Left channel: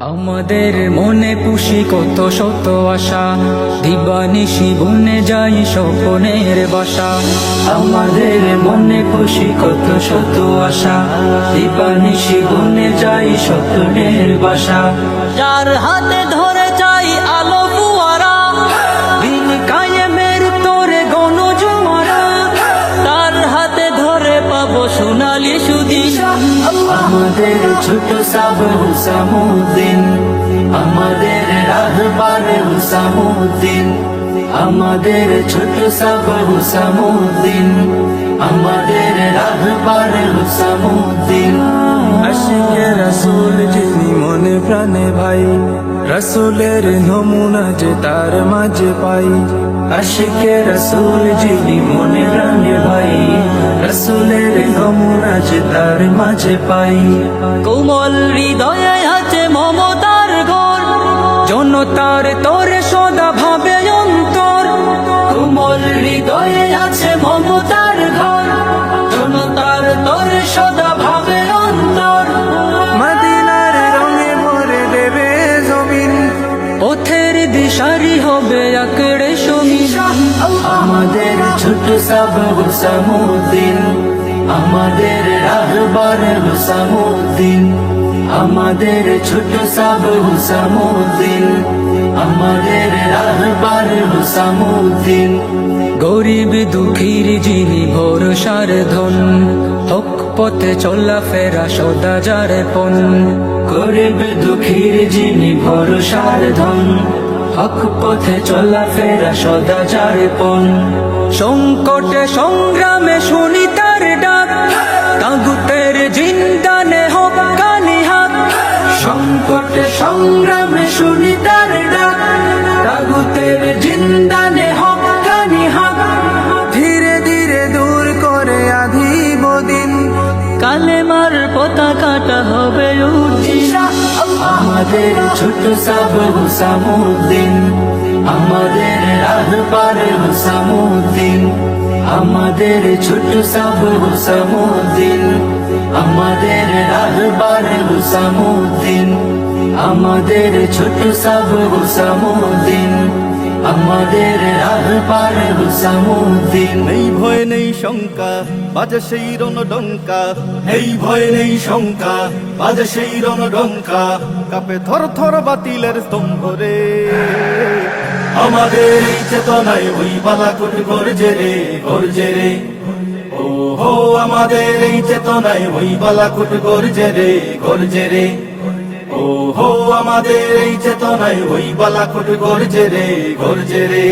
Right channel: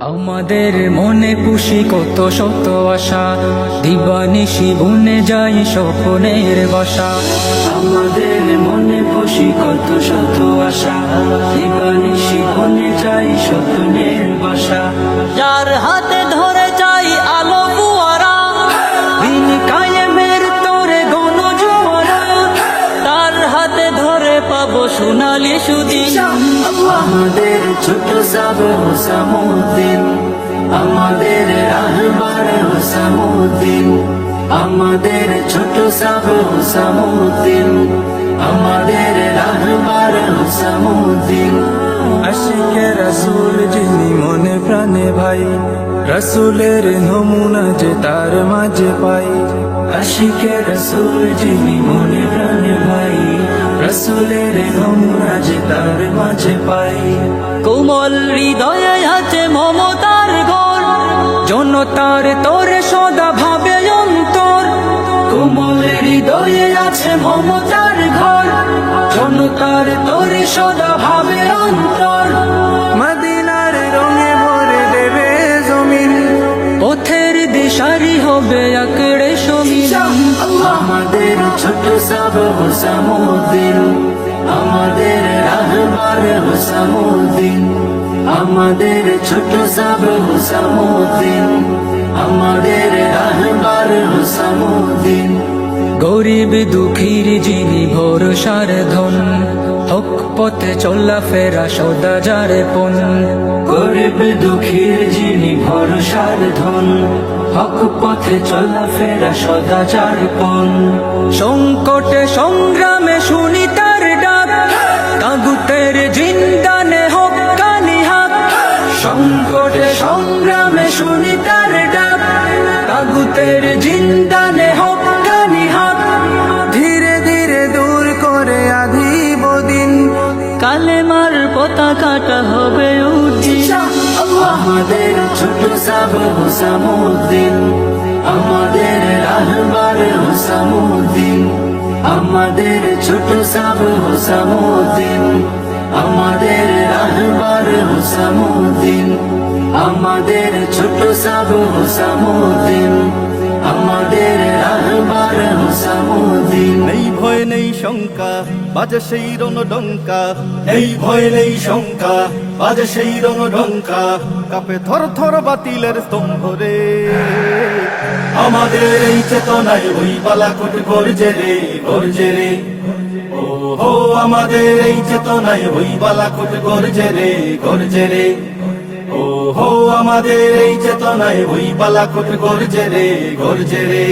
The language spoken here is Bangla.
আমাদের মনে পুষি কত শত আশা, দিবানিশি বুনে যাই স্বপ্নের বাসা। আমাদের মনে পুষি কত শত আশা, দিবানিশি বুনে যাই স্বপ্নের বাসা। যার হাতে ধরে চাই আলো ফুয়ারা, দিন কায়েমের তোরে গণজুয়ারা, তার হাতে ধরে পাবো সোনালি সুদিন। আমাদের ছোট সাবু সামুদ্দিন, আমাদের রাঘবার সামুদ্দিন, আমাদের ছোট সাবু সামুদ্দিন, আমাদের রাঘবার সামুদ্দিন। আশিকে রাসূল যিনি মনে প্রাণে ভাই, রাসূলের নমুনা যে তার মাঝে পাই। আশিকে রাসূল যিনি মনে প্রাণে ভাই, রাসূলের নমুনা যে তার মাঝে পাই। কোমল হৃদয়ে আছে মমতার ঘর, জনতার তোরে সদা ভাবে অন্তর। কোমল হৃদয়ে আছে মমতার ঘর, জনতার তোরে সদা ভাবে অন্তর। মদিনার রঙে ভরে দেবে জমিন, পথের দিশারি হবে আকড়ে সমিল। আমাদের ছোট সাবু সামুদ্দিন, আমাদের রাঘবার সামুদ্দিন, আমাদের ছোট সাবু সামুদ্দিন, আমাদের রাঘবার সামুদ্দিন। গরিব দুঃখীর যিনি ভরসার ধন, হক পথে চলা ফেরা সদা যারে পন। গরিব দুঃখীর যিনি ভরসার ধন, হক পথে চলা ফেরা সদা যারে পন। সংকটে সংগ্রামে শুনি তার ডাক, তাগুতের জিন্দানে হোক কানি হাক। সংকটে সংগ্রামে শুনি তার ডাক, তাগুতের জিন্দানে হোক কানি হাক। ধীরে ধীরে দূর করে আধিব দিন, কালেমার পতাকাটা হবে উজ্জিন। আমাদের ছোট সাবু সামুদ্দিন, আমাদের রাঘবার সামুদ্দিন, আমাদের ছোট সাবু সামুদ্দিন, আমাদের রাঘবার সামুদ্দিন, আমাদের ছোট সাবু সামুদ্দিন, আমাদের রাঘবার সামুদ্দিন। নেই ভয় নেই শঙ্কা, বাজে সেই রণডঙ্কা, নেই ভয় নেই শঙ্কা, বাজে সেই রণডঙ্কা। কাঁপে থর থর বাতিলের স্তম্ভ রে, আমাদের এই চেতনায় ওই বালাকোট গর্জে রে, গর্জে রে। ও হো আমাদের এই চেতনায় ওই বালাকোট গর্জে রে, গর্জে রে। ও হো আমাদের এই চেতনায় ওই বালাকোট গর্জে রে, গর্জে রে।